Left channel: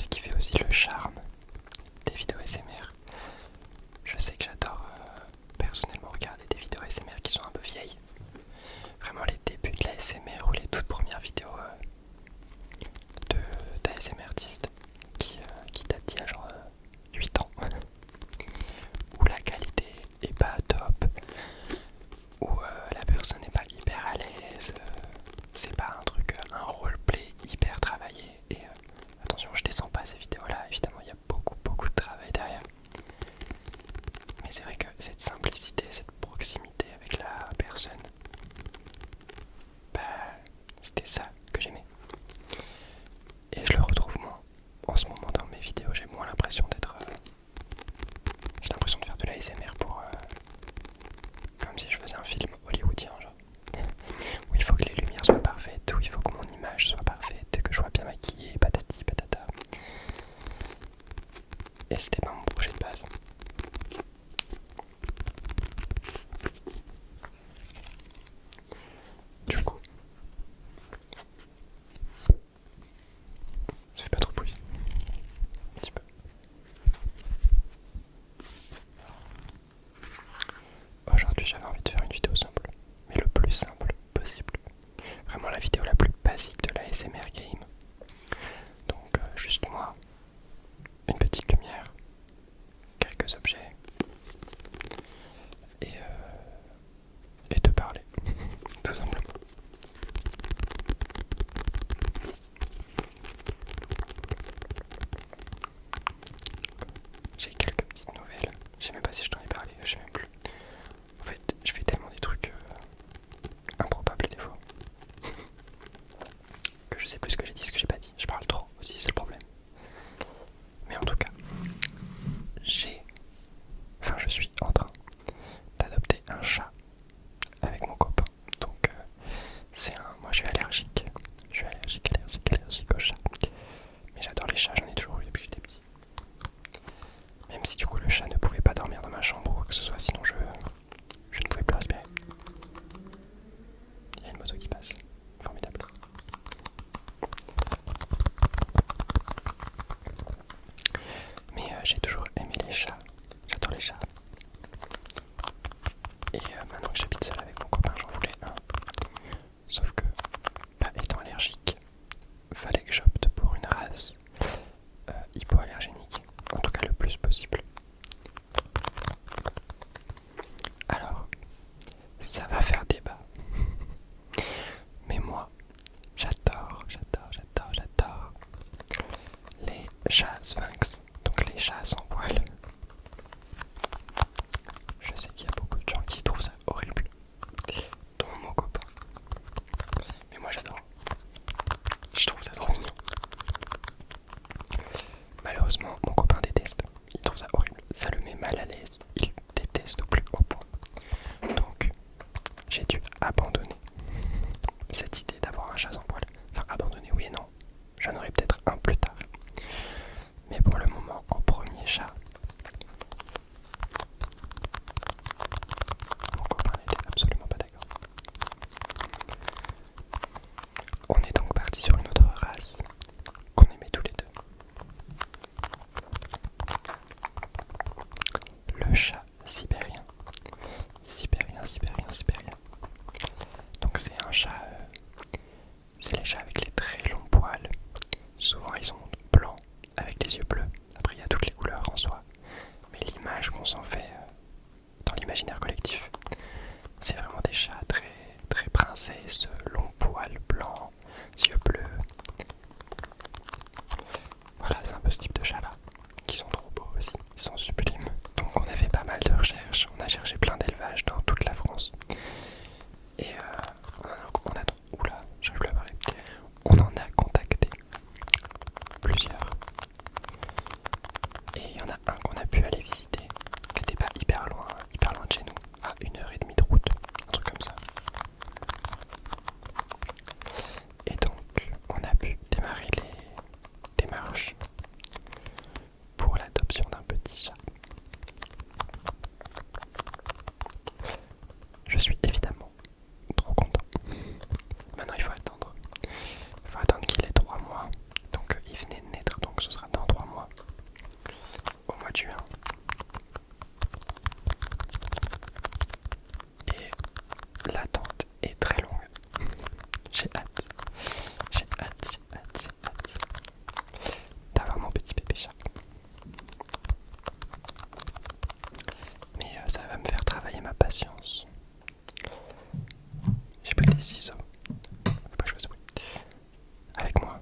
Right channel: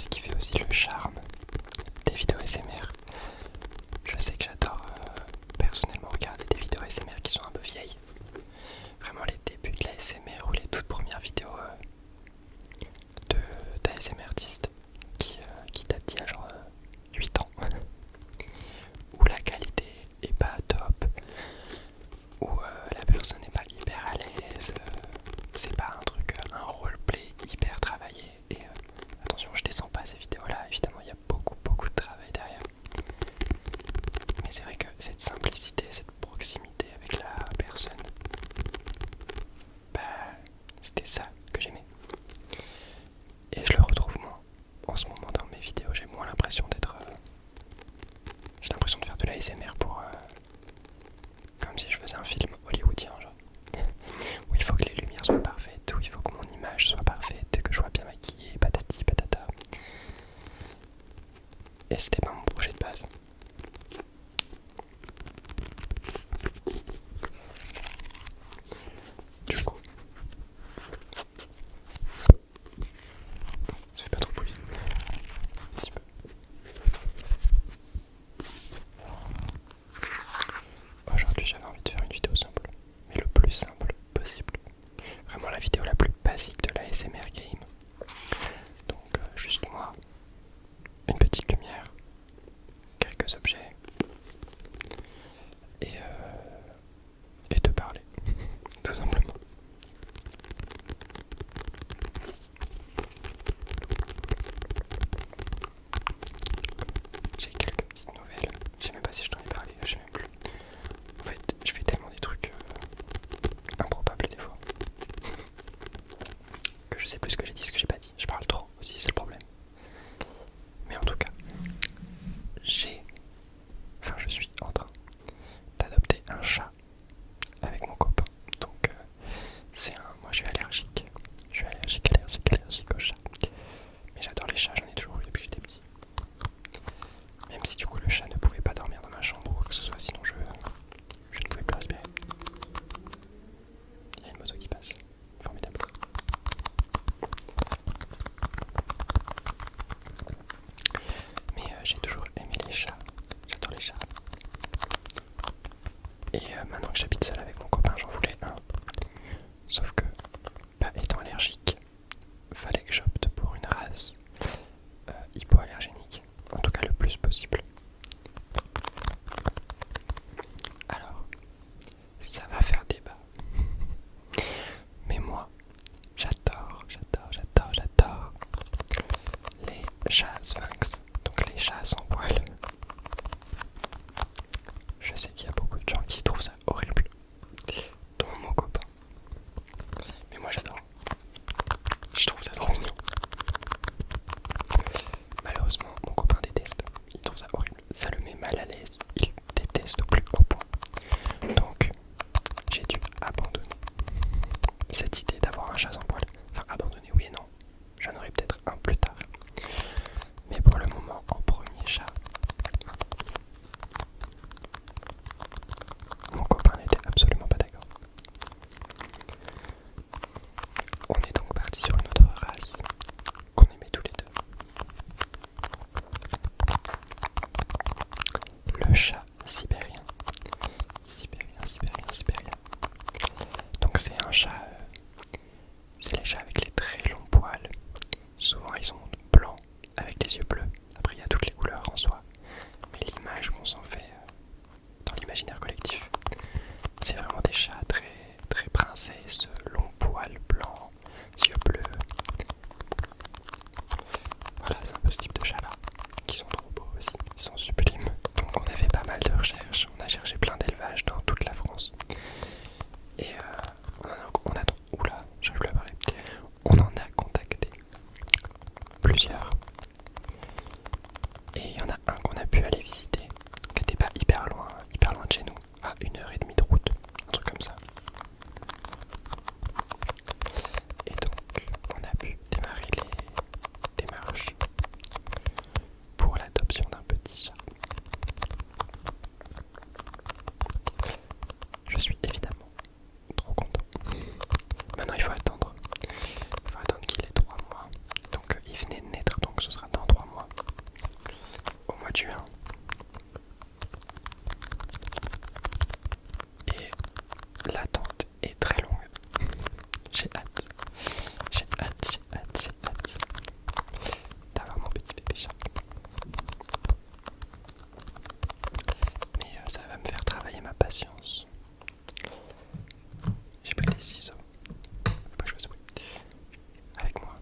ce qui fait aussi le charme des vidéos ASMR. Je sais que j'adore personnellement regarder des vidéos ASMR qui sont un peu vieilles. Vraiment les débuts de la ASMR ou les toutes premières vidéos d'ASMR artistes qui datent d'il y a genre 8 ans. Où la qualité est pas top, où la personne n'est pas hyper à l'aise, c'est pas un truc, un roleplay hyper travaillé. Et attention, je descends pas ces vidéos là, évidemment il y a beaucoup de travail derrière. Mais c'est vrai que cette simplicité, cette proximité avec la personne, bah c'était ça que j'aimais. Et je le retrouve moins en ce moment dans mes vidéos, j'ai moins l'impression d'être... j'ai l'impression de faire de la ASMR pour... comme si je faisais un film hollywoodien, genre. Où il faut que les lumières soient parfaites, où il faut que mon image soit parfaite, que je sois bien maquillée, patati patata. Et c'était pas mon projet de base. Du coup, ça fait pas trop de bruit. Un petit peu. Aujourd'hui, j'avais envie de faire une vidéo simple, mais le plus simple possible. Vraiment la vidéo la plus basique de la ASMR game. Donc juste moi, une petite lumière, quelques objets et te parler, tout simplement. J'ai quelques petites nouvelles, je sais même pas si je t'en ai parlé, je sais même plus. En fait, je fais tellement des trucs improbables des fois que je sais plus ce que j'ai dit, ce que j'ai pas dit. Je parle trop aussi, c'est le problème. Mais en tout cas, je suis en train d'adopter un chat avec mon copain. Donc moi je suis allergique. Je suis allergique aux chats. Mais j'adore les chats, j'en ai toujours eu depuis que j'étais petit. Même si du coup le chat ne pouvait pas dormir dans ma chambre ou quoi que ce soit, sinon je ne pouvais plus respirer. Il y a une moto qui passe. Formidable. Mais j'ai toujours aimé les chats. J'adore les chats. Et maintenant que j'habite seul avec mon copain, j'en voulais un. Sauf que, étant allergique, fallait que j'opte pour une race hypoallergénique. En tout cas le plus possible. Alors, ça va faire débat. Mais moi, j'adore les chats sphinx, donc les chats sans poils. Je sais qu'il y a beaucoup de gens qui trouvent ça horrible, dont mon copain. Mais moi j'adore. Je trouve ça trop mignon. Malheureusement, mon copain déteste. Il trouve ça horrible. Ça le met mal à l'aise. Il déteste au plus haut point. Donc, j'ai dû abandonner cette idée d'avoir un chat sans poil. Enfin, abandonner, oui et non. J'en aurai peut-être un plus tard. Mais pour le moment, en premier chat, mon copain n'était absolument pas d'accord. On est donc parti sur une autre race qu'on aimait tous les deux. Le chat sibérien. Sibérien. Donc c'est un chat... c'est les chats avec les très longs poils. Souvent ils sont blancs avec les yeux bleus. Après il y a toutes les couleurs en soi. Mais l'image qu'on s'en fait dans l'imaginaire collectif, c'est vraiment des chats très princesses, longs poils blancs, yeux bleus. Voilà, c'est un peu ce type de chat là, qui sont trop beaux aussi, ils sont sublimes. Donc on a fait pas mal de recherches, on a cherché plein d'élevages dans toute la France. Et oula, j'arrive plus à parler. On en a contacté plusieurs. Et il y en a un qu'on a pu aller visiter, qui était pas hyper loin de chez nous, à 1h30 de route, un truc comme ça. Et donc, on a pu démarrer les démarches pour l'adoption d'un petit chat. Je suis évidemment trop content. Maintenant, il faut attendre qu'il ait 3 mois. Donc, il venait de naître, donc ce sera dans mois de juin. Et l'attente est très longue. J'ai hâte. J'ai hâte, j'ai hâte, j'ai hâte d'avoir mon petit bébé chat. Mais ça va me faire travailler ma patience. J'ai pris des ciseaux. Faut pas que je fasse de bruit. Avec moi.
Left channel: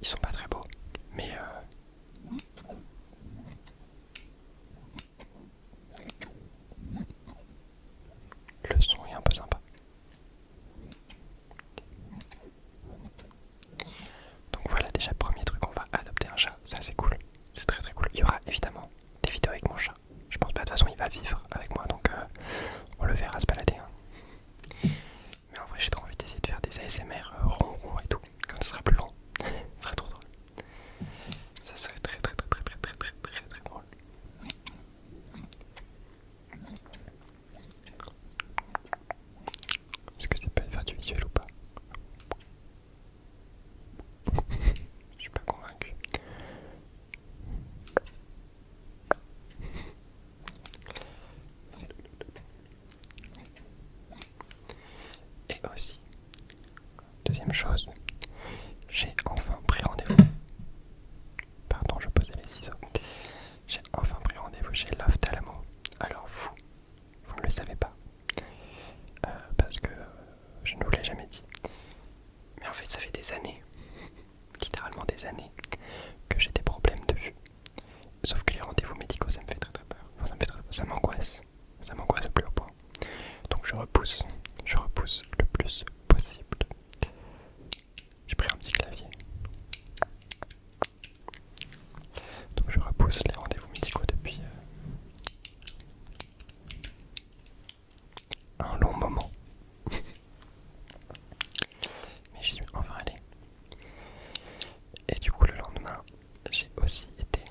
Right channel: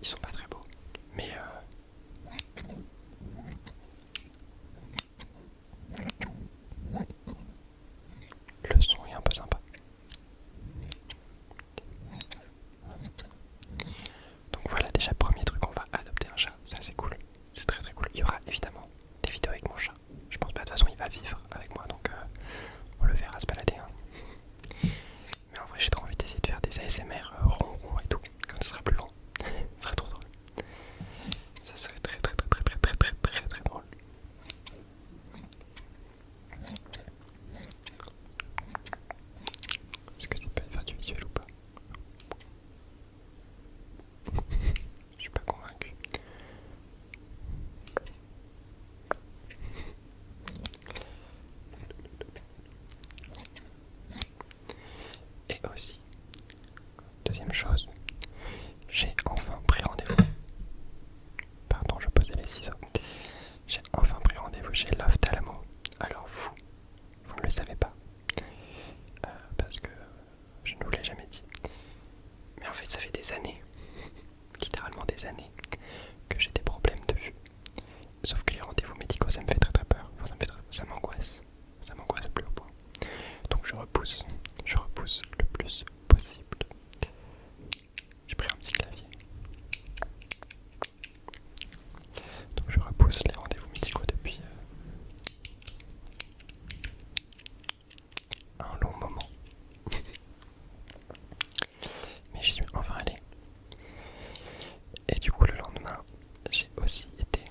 Ils sont pas très beaux. Mais le son est un peu sympa. Donc voilà, déjà premier truc, on va adopter un chat. Ça c'est cool. C'est très très cool. Il y aura évidemment des vidéos avec mon chat. Je pense pas, de toute façon il va vivre avec moi, donc on le verra se balader. Mais en vrai j'ai trop envie d'essayer de faire des ASMR ronron et tout. Quand ce sera plus grand. Ce serait trop drôle. Ça serait très très très très très très très très très drôle. Est-ce que ça peut faire du visuel ou pas? Je suis pas convaincu. Et aussi, deuxième chose, j'ai enfin pris rendez-vous. Pardon, je posais les ciseaux. J'ai enfin pris rendez-vous chez l'ophtalmo. Alors vous ne le savez pas. Parce que je ne vous l'ai jamais dit. Mais en fait, ça fait des années, littéralement des années, que j'ai des problèmes de vue. Sauf que les rendez-vous médicaux, ça me fait très très peur. Enfin, ça m'angoisse. Ça m'angoisse au plus haut point. Donc je repousse le plus possible. J'ai pris un petit clavier. Donc je repousse les rendez-vous médicaux depuis un long moment. Mais j'y suis enfin allé. Et du coup le lendemain, j'ai aussi été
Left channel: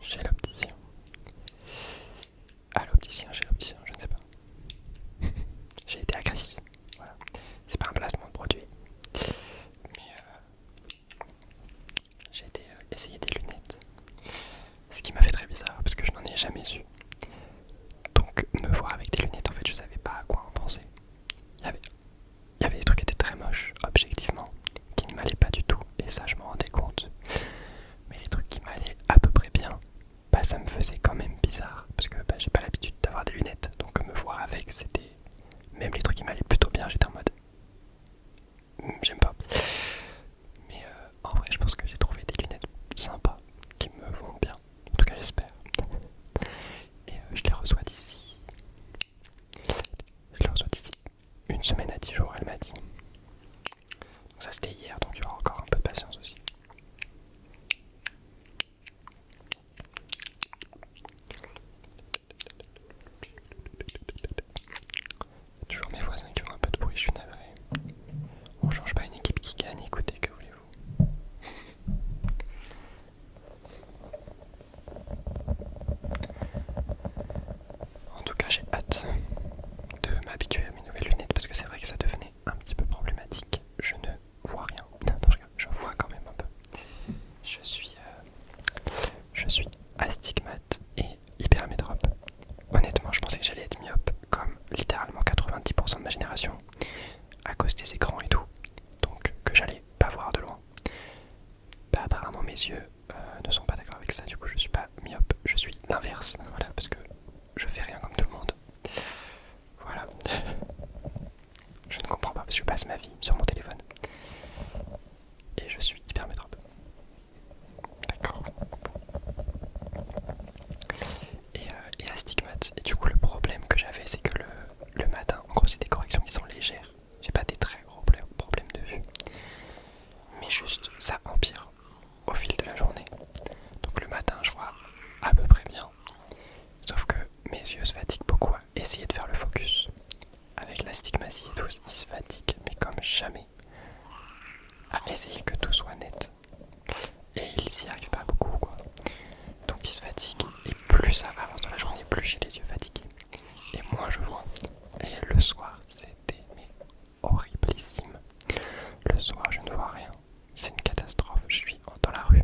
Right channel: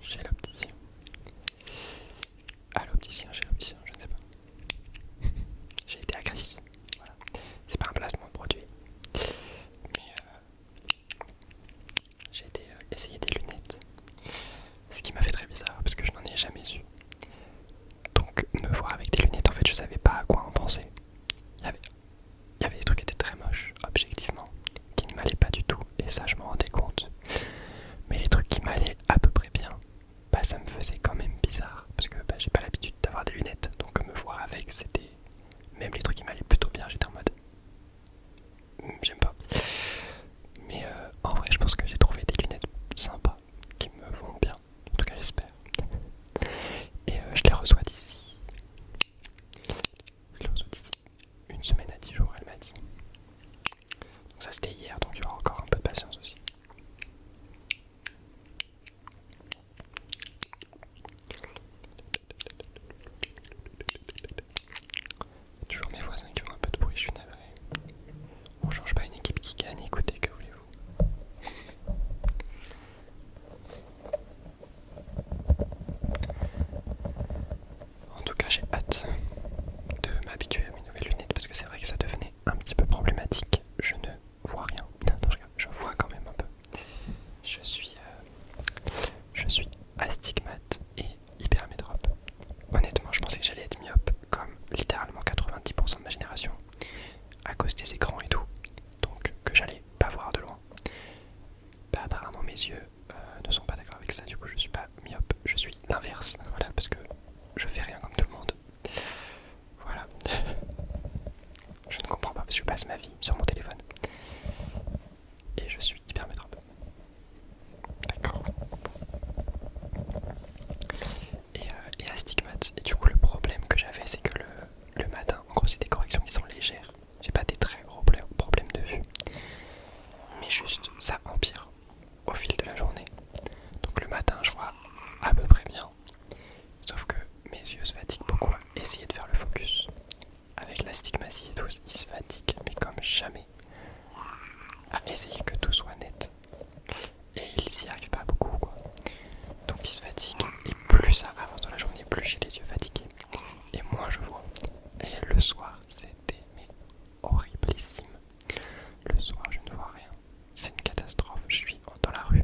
chez l'opticien. Chez l'opticien, je ne sais pas. J'ai été à Chris. Voilà. C'est pas un placement de produit. Mais j'ai été essayer des lunettes. Ce qui m'a fait très bizarre parce que je n'en ai jamais eu. Donc me voir avec des lunettes, en fait je savais pas à quoi en penser. Il y avait des trucs qui étaient très moches, objectivement, qui ne m'allaient pas du tout. Et ça je m'en rendais compte. Mais les trucs qui m'allaient à peu près bien, bah ça me faisait quand même bizarre. Parce que bah, j'ai pas l'habitude d'avoir des lunettes. Donc me voir avec, c'était... Même les trucs qui m'allaient plutôt bien, j'étais en mode... J'aime pas. Mais en vrai je pense que j'ai trouvé des lunettes sympas, qui me vont bien. En tout cas j'espère. Et je les reçois d'ici. Une semaine à 10 jours, elle m'a dit. Donc ça c'était hier, donc il y aura encore un peu de patience aussi. Toujours mes voisins qui font un peu de bruit, je suis navré. On change pas une équipe qui gagne, écoutez, que voulez-vous. En tout cas j'ai hâte de m'habituer à mes nouvelles lunettes parce que c'est vrai que ça devenait un petit peu problématique. Je ne vois rien. Non, je vois quand même un peu. Je suis astigmate et hypermétrope. Honnêtement, je pensais que j'allais être myope comme littéralement 90% de ma génération à cause des écrans et tout. Donc que j'allais pas voir de loin. Bah apparemment mes yeux ne sont pas d'accord avec ça. Du coup je suis pas myope, je suis l'inverse. Voilà, parce que je fais rien comme tout le monde. Voilà. Je ne comprends pas parce que je passe ma vie sur mon téléphone. Et je suis hypermétrope. D'accord. Et astigmate. Et du coup le problème que j'avais c'est que le matin, en gros c'est des corrections qui sont légères. J'ai pas des très gros problèmes de vue. Mais juste ça empire au fil de la journée. Donc le matin je vois à peu près bien. Sauf que mes yeux se fatiguent beaucoup à essayer de faire le focus. Avec l'astigmatie et tout, ils se fatiguent mais comme jamais. À essayer que tout soit net. Et ils s'y arrivent pas beaucoup quoi. Donc ils se fatiguent. Et plus ça avance dans la journée, plus j'ai les yeux fatigués. Et moins je vois. Et le soir, c'était mais horriblissime. Le soir, je ne vois rien. C'est une catastrophe. Je suis dans la rue.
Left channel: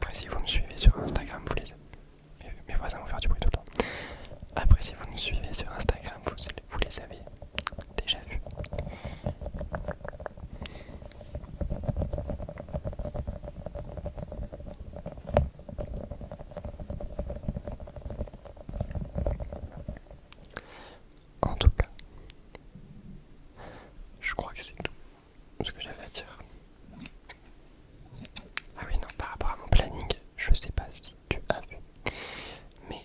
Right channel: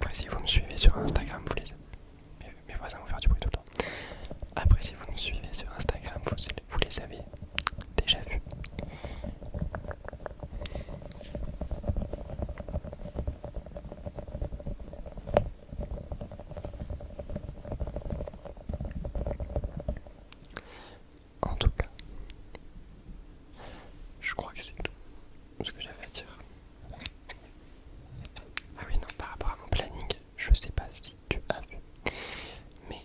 Après, si vous me suivez sur Instagram, mes voisins vont faire du bruit tout le temps. Après, si vous me suivez sur Instagram, vous les avez déjà vus. En tout cas, je crois que c'est tout ce que j'avais à dire. Ah oui, non, par rapport à mon planning, je sais pas si tu as vu, mais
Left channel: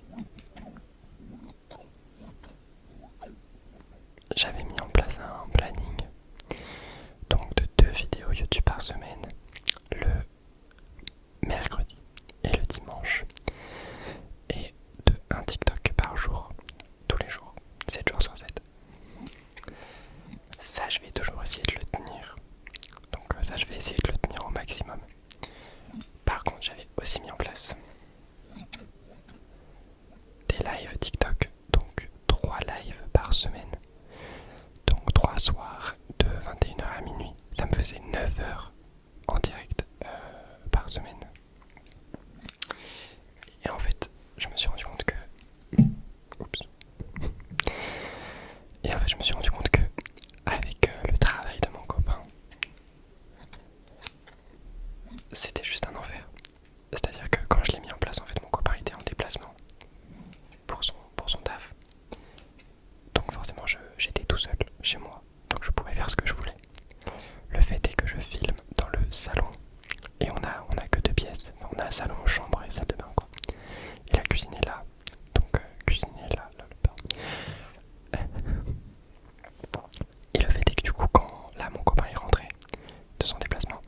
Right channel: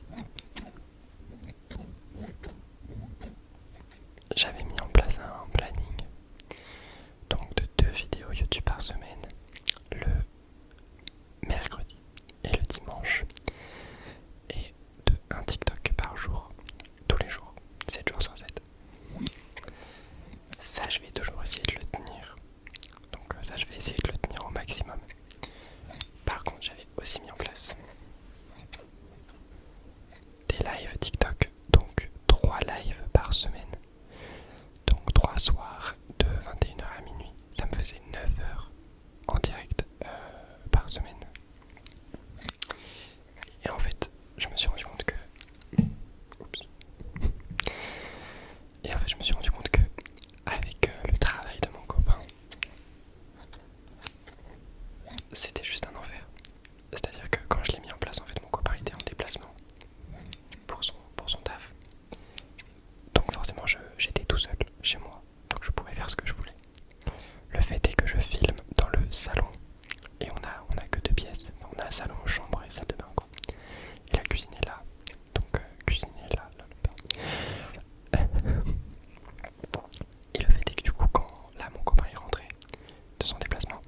j'avais mis en place un planning donc de 2 vidéos YouTube par semaine, le mercredi et le dimanche, et de un TikTok par jour, tous les jours, 7 jours sur 7. Ça, je vais toujours essayer de le tenir. Donc ça, je vais essayer de le tenir au maximum. Par contre, j'avais aussi mis en place des lives TikTok, donc 3 lives par semaine. Donc 3 soirs de 21h à minuit. Ça me faisait 9 heures en direct par semaine. Et en fait, je me suis rendu compte que... Oups. Et en fait, je me suis rendu compte que avec le travail de mon copain, c'était juste un enfer. C'est-à-dire que quand je l'ai mis en place, en fait, mon copain était en déplacement pour son taf. Donc forcément, j'étais tout seul chez moi. Donc je pouvais faire ce que je voulais. Le fait est que je filme dans le salon. Et on a que 2 pièces. Enfin, on a salon, chambre et salle de bain, quoi. Et la cuisine est là. Donc cuisine est là, le bain. Et le fait est que du coup, quand là mon copain est rentré de son déplacement,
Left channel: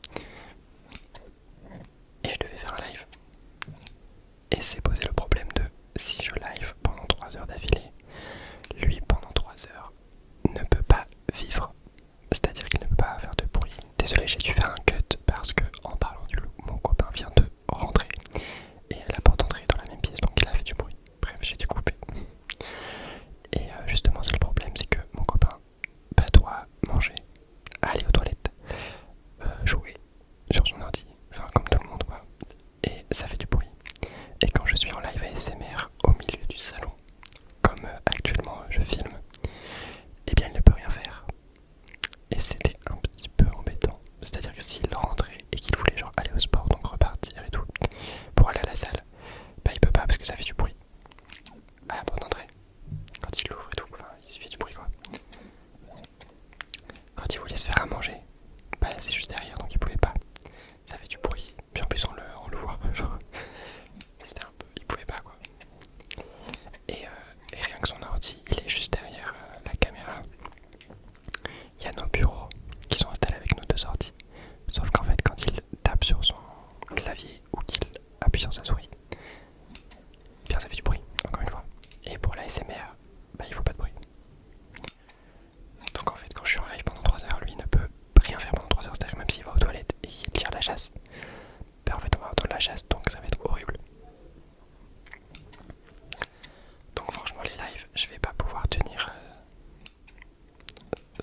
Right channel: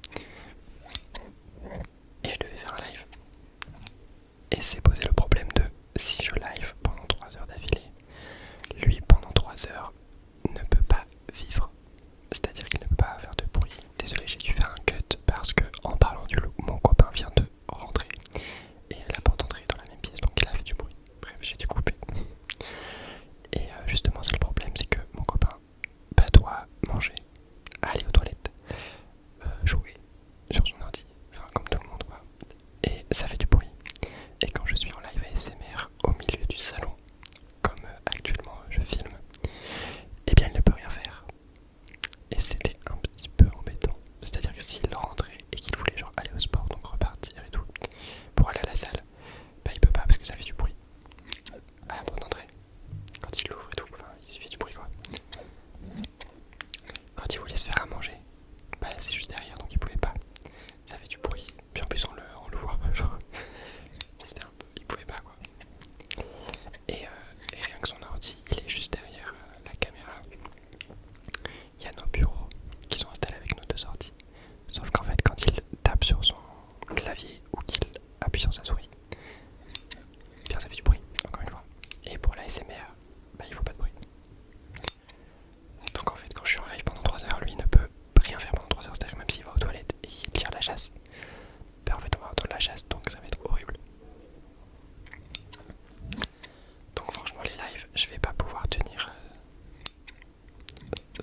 et je devais faire un live, et s'est posé le problème de si je live pendant 3 heures d'affilée, lui pendant 3 heures ne peut pas vivre. C'est-à-dire qu'il ne peut pas faire de bruit. Désolé, j'ai dû faire un cut parce que en parlant du loup, mon copain vient de rentrer et la porte d'entrée est dans la même pièce, donc il a fait du bruit. Bref, j'ai dû couper. Et justement, c'est le problème, c'est que mon copain doit manger, aller aux toilettes, jouer sur son ordi, enfin comme tout le monde quoi. Et ça fait du bruit. Et quand je suis en live ASMR au milieu du salon, comme actuellement je filme, eh bien il ne peut rien faire. Et c'était un petit peu embêtant. C'est-à-dire que s'il rentrait et qu'il voulait genre aller au sport, donc repartir et tout, pour aller à la salle, bah il peut pas parce que ça fait du bruit à la porte d'entrée. Quand il l'ouvre et tout, enfin il fait du bruit quoi. Quand il voulait se faire à manger, bah c'est juste derrière donc il pouvait pas. Ça fait du bruit. Puis en plus on le voit, genre c'était un peu, il pouvait pas quoi. Et rien que son ordi, il est juste derrière la caméra. Il y a nos bureaux qui sont installés avec nos 2 ordi. Sauf qu'en fait quand il tape sur son clavier ou qu'il appuie sur sa souris, bien ça fait du bruit, encore une fois. Et pour l'ASMR, bah il faut pas de bruit. Donc en fait quand je suis en live pendant 3 heures, lui ne peut rien faire pendant 3 heures. C'est-à-dire même s'il va aux toilettes et qu'il tire la chasse, bah en fait on va entendre la chasse, donc ça va être horrible. Donc franchement les lives, je vais pas pouvoir tenir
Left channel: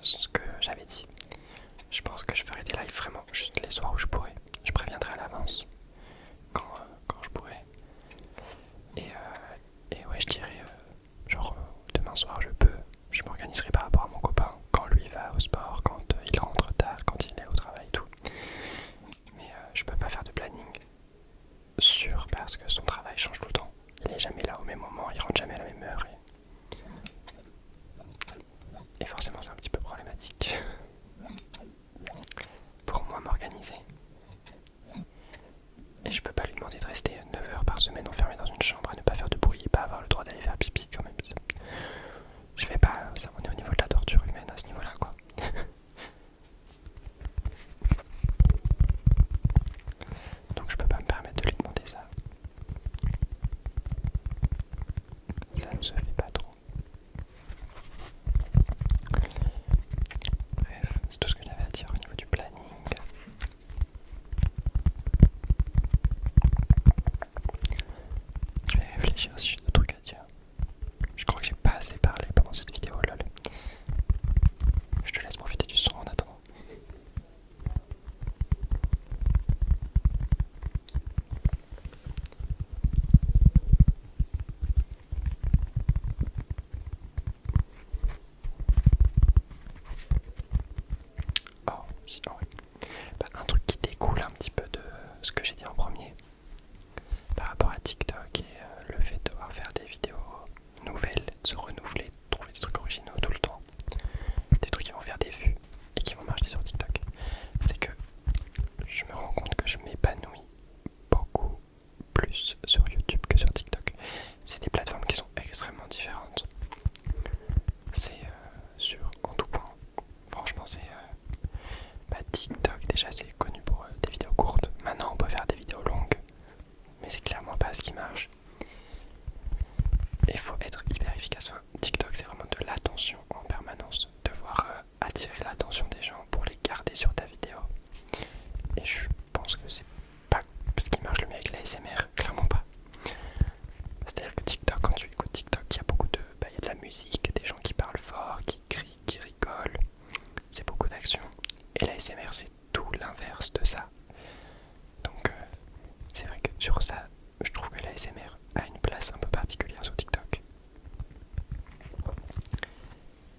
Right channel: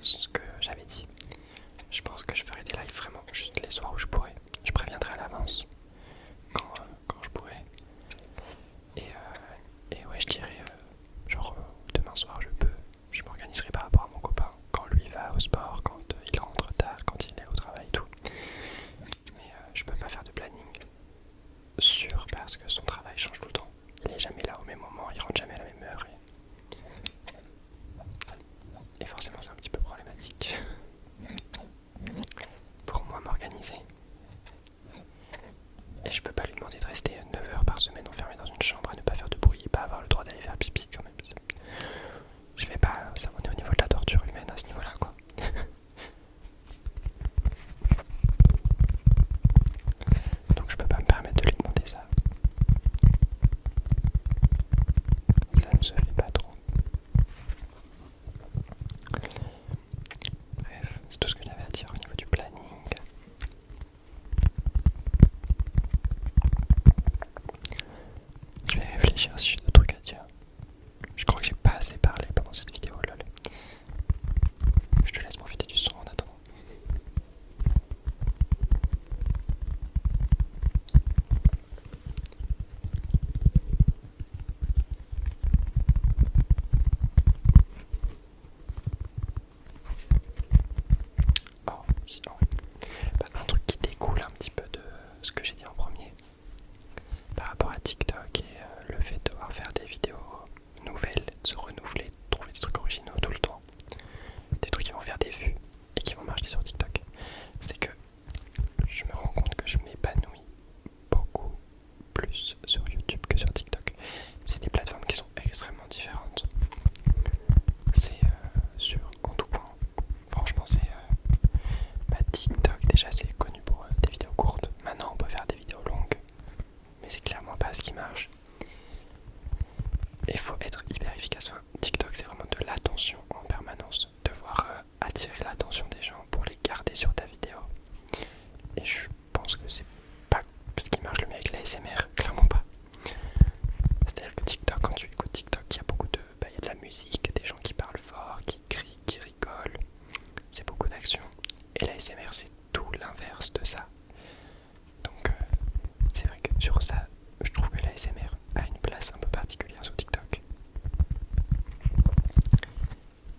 ce que j'avais dit. Je pense que je ferai des lives vraiment juste les soirs où je pourrai. Je préviendrai à l'avance quand je pourrai. Et ouais, je dirais genre demain soir je m'organiserai par rapport à mon copain. Quand lui va au sport, quand il rentre tard, quand il est au travail et tout. Mais je peux pas faire de planning sûr parce que son travail change tout le temps. Il est jamais là au même moment, il rentre jamais à la même heure. Et forcément c'est un petit peu problématique pour moi m'organiser. Et je peux pas lui demander de rester 9 heures par semaine enfermé dans une chambre à ne pas faire de bruit et pas avoir le droit d'aller faire pipi quand même. Je vais pas, ça on est au niveau de la torture humaine à ce niveau là quoi. Donc je peux pas me permettre de lui demander ça. Ça ne se fait pas trop. Bref, c'est tout ce que j'avais à dire au niveau du planning. Je vais réfléchir si j'ai d'autres trucs à dire. Je crois que j'ai pas assez parlé pendant cette vidéo, lol. Je te laisse profiter du son en attendant. que je m'épanouis beaucoup plus sur YouTube que sur TikTok. C'est des plateformes qui sont extrêmement différentes. C'est en tout point. Franchement, TikTok déjà c'est connu pour des vidéos courtes. Maintenant on peut faire des vidéos longues, mais c'est clairement pas ce qui marche. Il faut être hyper efficace. Enfin, TikTok c'est vraiment de l'attention en permanence. Devoir attirer l'attention des gens pour les garder sur ta vidéo. Et je pense que c'est pas ce qui marche le mieux avec la l'ASMR, clairement pas. C'est-à-dire que TikTok, quand tu écoutes TikTok, il y a beaucoup de... il y a de la musique, des gens qui parlent fort, qui crient, qui rigolent. C'est beaucoup d'action. Et la l'ASMR c'est tout l'inverse de ça. Donc c'est vrai que sur ça, je trouve que la l'ASMR a une place un peu particulière sur TikTok.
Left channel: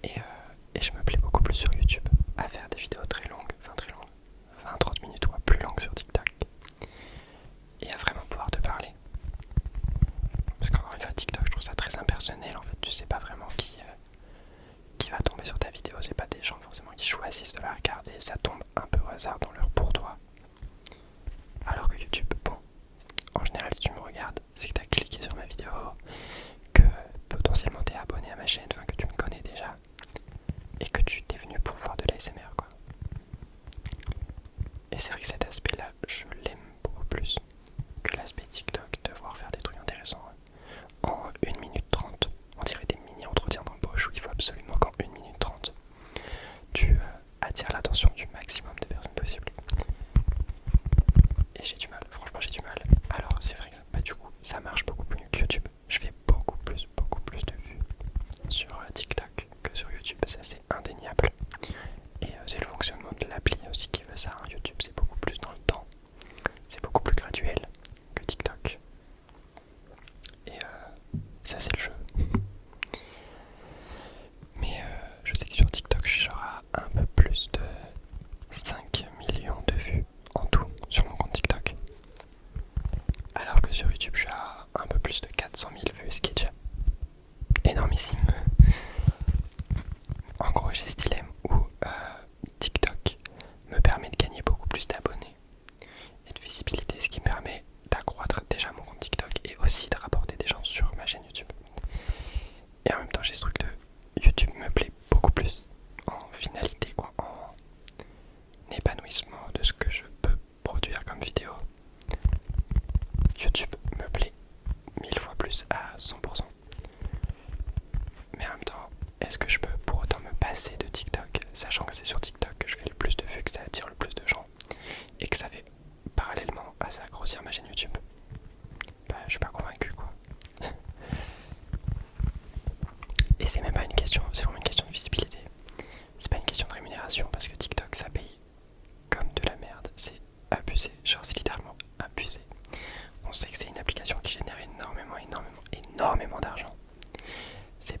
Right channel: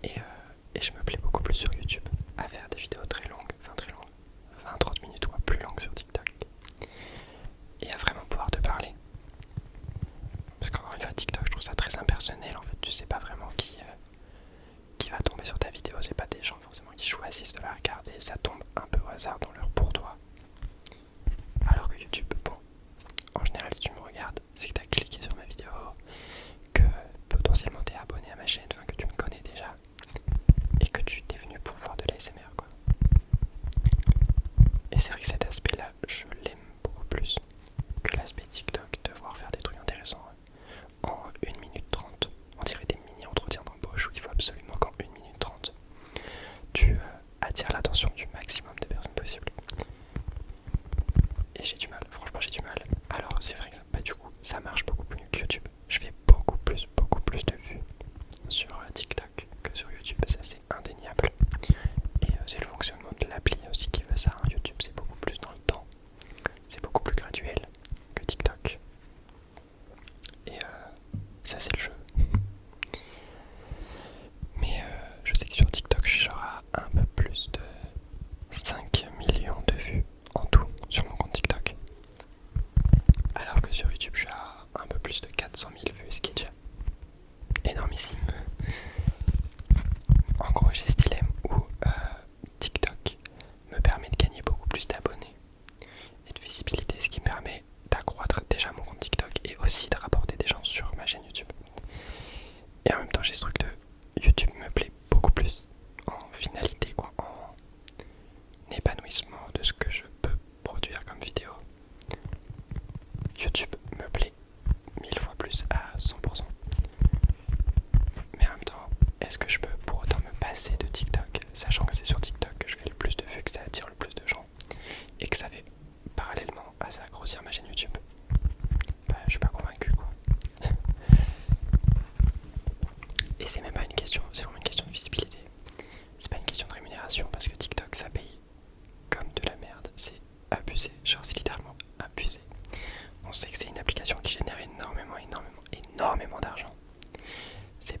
Et je me plais beaucoup plus sur YouTube à faire des vidéos très longues, 20-30 minutes ou plus longues sur TikTok. Et à vraiment pouvoir te parler. Parce qu'encore une fois, TikTok, je trouve ça très impersonnel. En fait, tu sais pas vraiment qui va tomber sur ta vidéo. C'est pas des gens forcément qui choisissent de la regarder. Ça tombe un peu au hasard dans l'heure pour toi. Alors que YouTube, bon, en général, si tu me regardes, c'est que tu as cliqué sur ma vidéo, que potentiellement tu es abonné à ma chaîne, enfin que tu me connais déjà, et que tu t'es venu pour voir de l'ASMR, quoi. Et c'est vrai que cet aspect-là, je l'aime beaucoup plus que l'aspect TikTok, devoir faire des trucs intéressants en 1 minute 30. On dirait des mini-entretiens d'embauche où il faut absolument qu'en 1 minute 30, tu attires l'attention du maximum de personnes possibles. Et j'ai du mal, franchement j'ai du mal. Alors c'est vrai que du coup ça marche beaucoup mieux que YouTube. Je fais beaucoup plus de vues sur TikTok que sur YouTube, ça c'est indéniable. Et c'est le fonctionnement de l'appli aussi qui veut ça, hein. YouTube c'est beaucoup plus dans le temps, c'est beaucoup plus graduel que TikTok. Et ça c'est le jeu. Mais je sais que sur TikTok je suis genre à un peu plus de 5 millions de vues en tout sur mon compte TikTok. Alors que sur YouTube je suis à un peu plus de 400 000 vues, ce qui est déjà énormissime. En gros j'ai ce dilemme où TikTok me permet de gagner beaucoup plus d'abonnés et de visibilité, ce qui me permet d'accroître déjà mon compte TikTok et aussi de rapporter des gens sur ma chaîne YouTube. Et en même temps j'ai ce truc de YouTube me plaît beaucoup plus en finalité, quoi, en épanouissement de ce que je peux produire comme vidéo. YouTube me plaît 1000 fois plus à 100%. Mais en même temps, est-ce que je peux pour autant me passer de TikTok, sachant que c'est sur TikTok que je fais le plus de vues, que ça attire le plus de gens et que ça fait parallèlement à ça grossir ma chaîne YouTube? Je suis pas convaincu, quoi. Et c'est même pas une question, c'est vraiment une question de visibilité. C'est pas une question de rémunération parce que TikTok ça paye comme de la merde, c'est abusé, genre c'est littéralement abusé. On sait que c'est une application qui génère énormément d'argent. C'est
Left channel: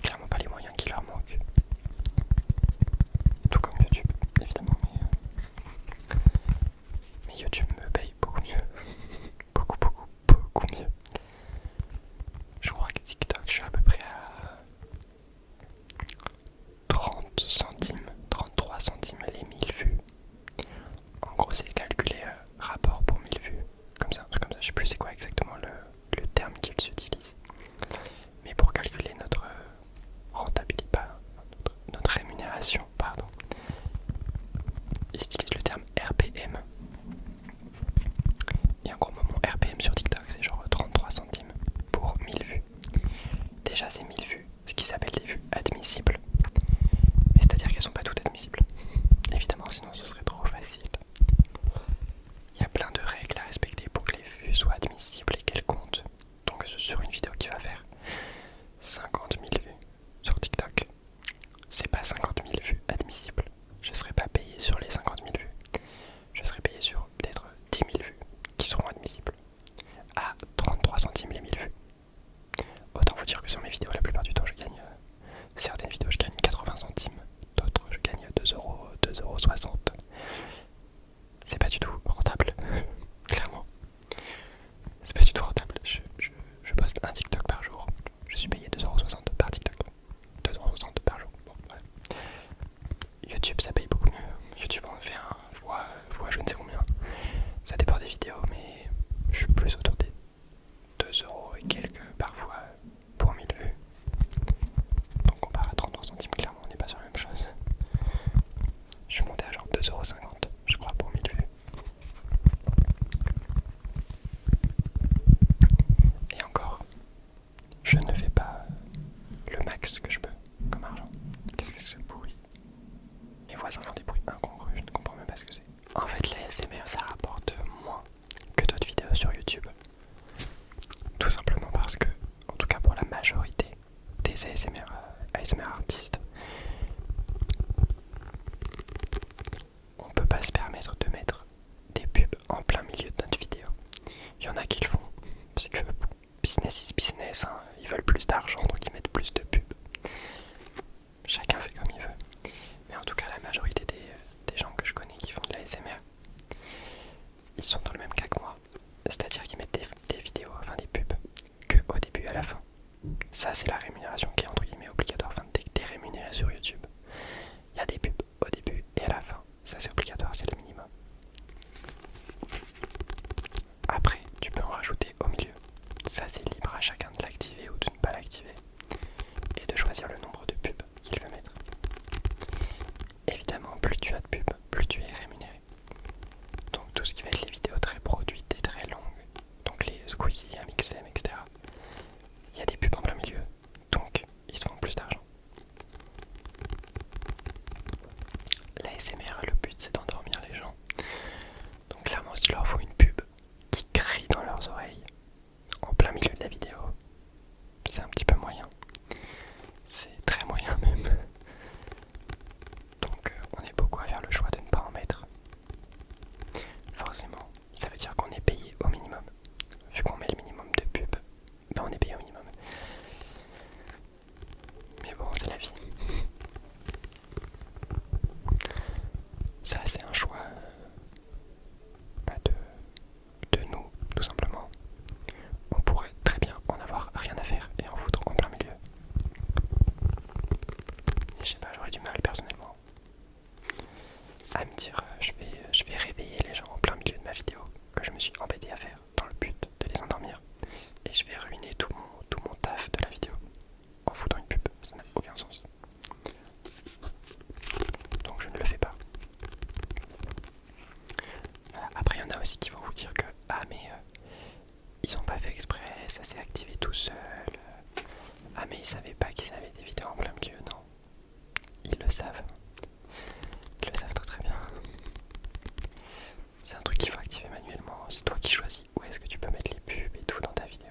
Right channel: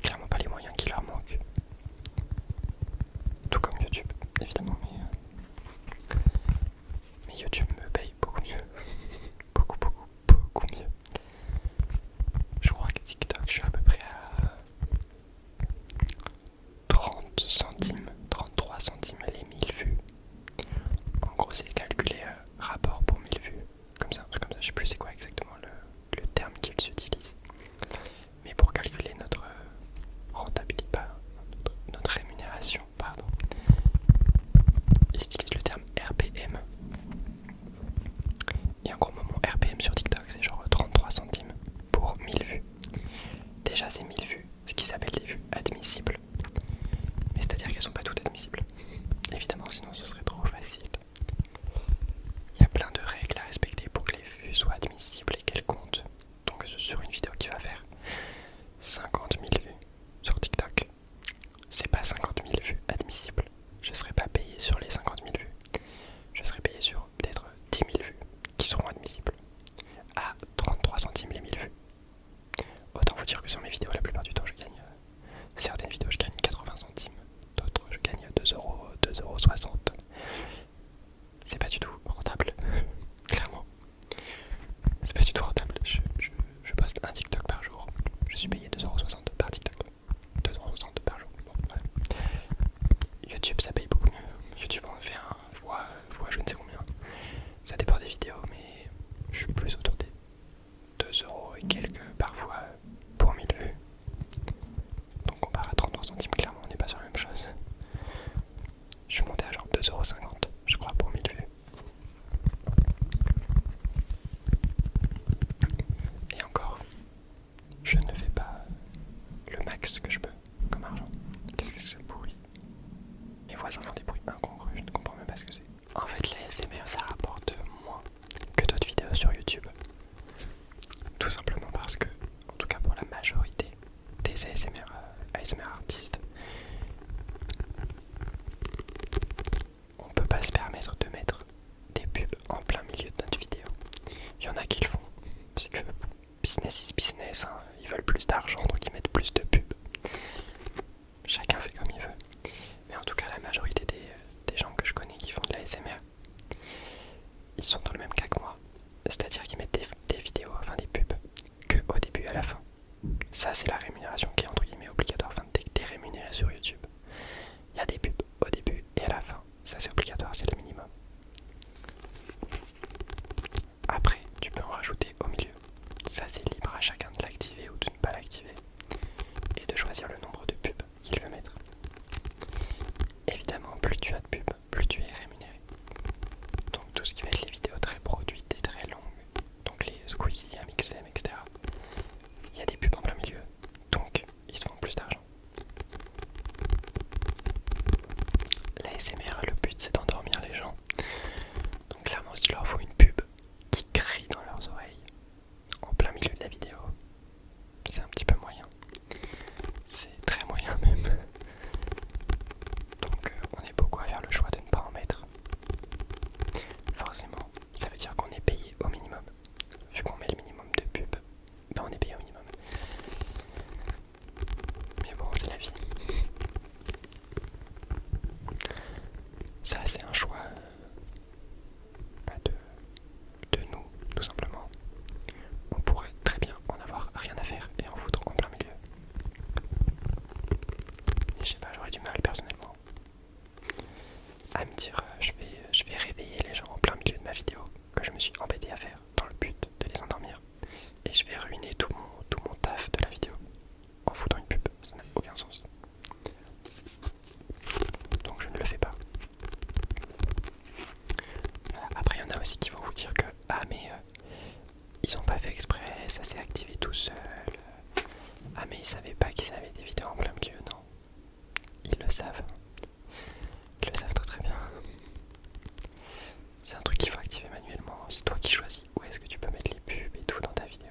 clairement pas les moyens qui leur manquent. Tout comme YouTube, évidemment, mais YouTube me paye beaucoup mieux. beaucoup mieux. Je crois que TikTok, je suis à peu près à 30 centimes, 33 centimes les 1000 vues. En gros, c'est calculé rapport pour 1000 vues. Comme ça, un truc comme ça, je sais plus c'est quoi exactement le terme qu'ils utilisent. Mais pour calculer notre rentabilité, pas notre rémunération, pardon, ils utilisent le terme RPM. Et en gros, mon RPM sur TikTok, c'est genre 33 centimes pour 1000 vues. Déjà, c'est 1000 vues, ce qui s'appelle des vues admissibles. Mais c'est-à-dire qu'elles sont pas toutes admissibles. Évidemment, sinon ce serait trop facile. Il y a plein de règles à respecter pour que les vues soient admissibles et qu'elles comptent. Donc sur une vidéo qui va faire 50 000 vues sur TikTok, c'est pas 50 000 vues admissibles. Je serai pas payé sur les 50 000 vues. Je serai payé sur peut-être 10 000 vues qui seront admissibles. ils sont dans le même cas que moi. C'est-à-dire qu'ils mettent des vidéos, enfin des pubs, que au début et à la fin. Ça, c'est la rémunération qui est entre guillemets obligatoire. Enfin, t'es rémunéré sur YouTube. Il y a des pubs au début et à la fin. Ça, c'est obligatoire, c'est le minimum. Après, tu peux en rajouter au milieu. Ça, c'est libre à chacun de l'activer ou de ne pas l'activer. Et de choisir le nombre de pubs qu'il veut mettre. Évidemment, plus tu as de pubs, plus tu es rémunéré. Donc tout ce qui va être les vidéos très produites et très longues, donc les Squeezie, Amixem, etc. Il y a des pubs en plein milieu, donc ils se font plus d'argent. La SMR, le but c'est d'endormir les gens. Donc clairement, si tu leur faut une pub qui crie dans leurs oreilles, en plein milieu de la vidéo, c'est un petit peu moyen. C'est très moyen même. Donc on est beaucoup à faire le choix de ne pas en mettre. Forcément, ça veut dire qu'on est payé au minimum. Vu qu'on met le minimum de pub, ben on est payé au minimum. Mais bon, c'est la vie. Ça, c'est un choix pas de nous, tout simplement. On pourrait très bien en avoir rien à faire et en foutre en plein milieu. Et je sais pas, j'aurais du mal personnellement à me dire je vais réveiller les gens en plein milieu de ma vidéo que je me suis embêté à faire dans le but de les endormir. Et je vais ruiner tout mon taf de la vidéo en foutant une pub. Ça n'a aucun sens. Donc je ne le fais pas. Voilà. Après il y en a aussi qui vont vous dire que ah mais ils ont pas fait exprès, ça s'est activé tout seul. Ah mais ils savaient pas qu'ils avaient des vidéos en plein milieu. Non, ils le savent. Ils le savent très très bien. C'est un truc qu'il faut activer manuellement. C'est toi qui choisis où est-ce que tu peux mettre les pubs et tout dans ta vidéo.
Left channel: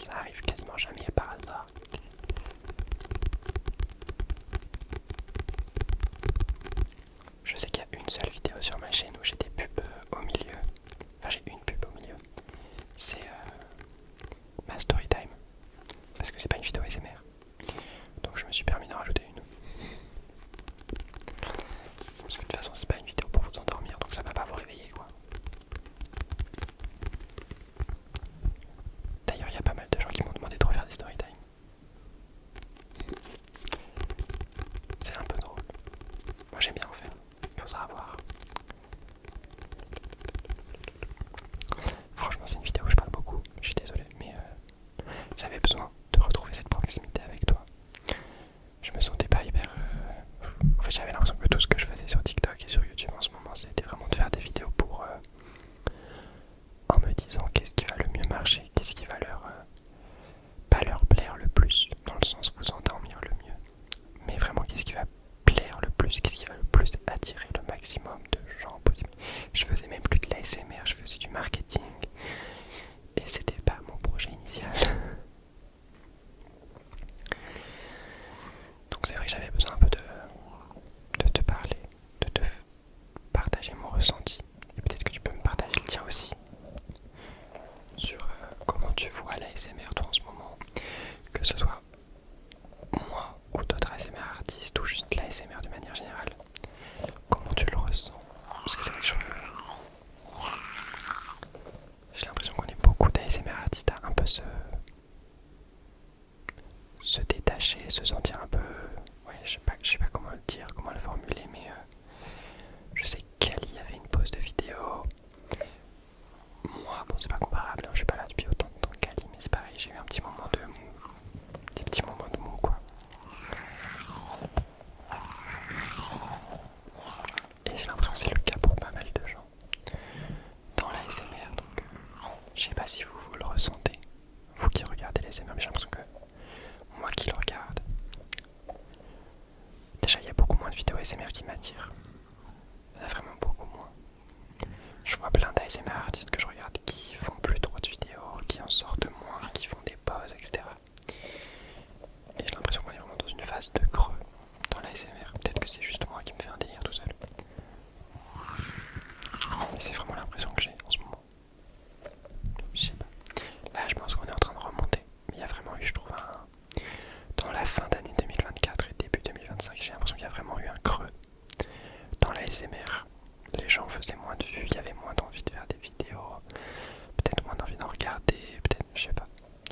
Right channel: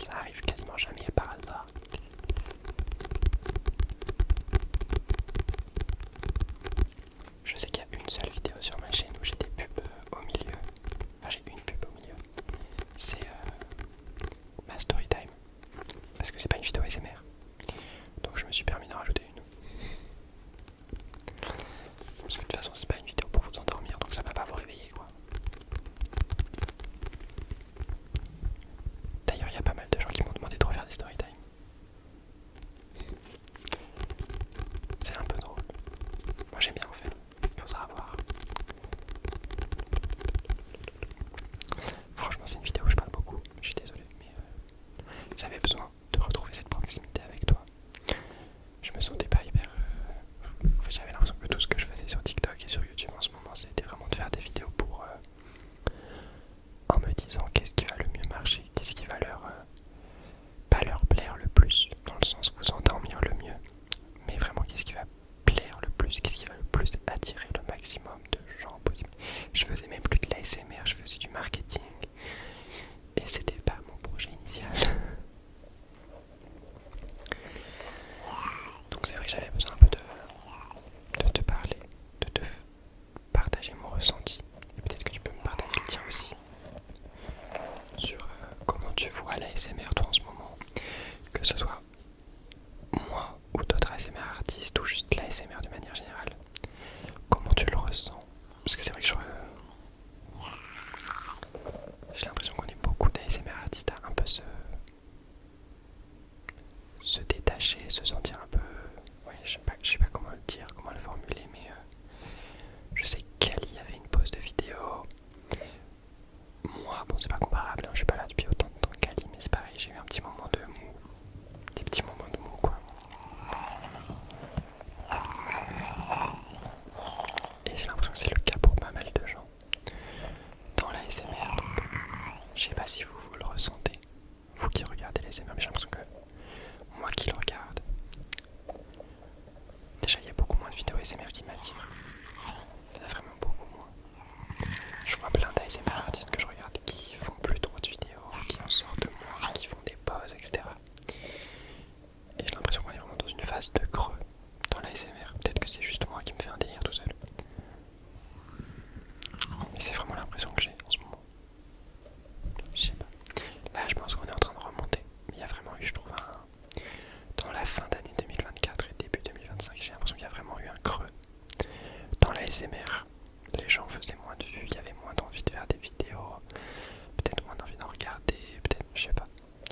Ça arrive quasiment jamais par hasard. Je sais qu'il y a une seule vidéo sur ma chaîne où j'ai des pubs au milieu. Enfin, j'ai une pub au milieu. C'est ma story time. Parce que c'est pas une vidéo ASMR. Donc je me suis permis d'en rajouter une. Parce que de toute façon, c'est pas une vidéo pour vous endormir, donc ça va pas vous réveiller quoi. D'ailleurs, il y a pas mal de gens qui m'ont demandé de refaire des story time. C'est un peu drôle. Moi j'aime bien en faire. Il faudra voir. Franchement, c'est une vidéo où je parle beaucoup. Je suis désolé, mais j'avais besoin de retrouver cette proximité avec toi. Je me sentais pas hyper... En fait, j'avais l'impression que tout ce que je faisais sur TikTok et sur YouTube en ce moment, c'était vraiment de faire des vidéos pour... en me disant qu'est-ce qui va le mieux marcher, qu'est-ce qui va leur... pas leur plaire le plus, dans le sens vous endormir le mieux, mais vraiment qu'est-ce qui va plaire le plus, qu'est-ce qui va le plus attirer le maximum de gens possible. Je faisais même plus de l'ASMR, je faisais du marketing, et c'était pas mon projet initial. Donc c'est vrai que j'avais besoin un peu de te parler, de te partager mon ressenti, et peut-être que tu peux me partager le tien aussi, sur comment tu vois l'ASMR toi en ce moment, que ce soit moi ou d'autres ASMR artistes ou juste l'ASMR de manière générale. Comment tu le ressens? Parce que c'est vrai que les gens faisaient moins de vues, il y avait moins d'envie de faire des vidéos, peut-être moins d'envie d'en regarder, peut-être, je sais pas.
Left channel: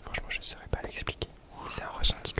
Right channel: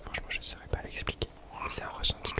Franchement, je saurais pas l'expliquer. C'est un ressenti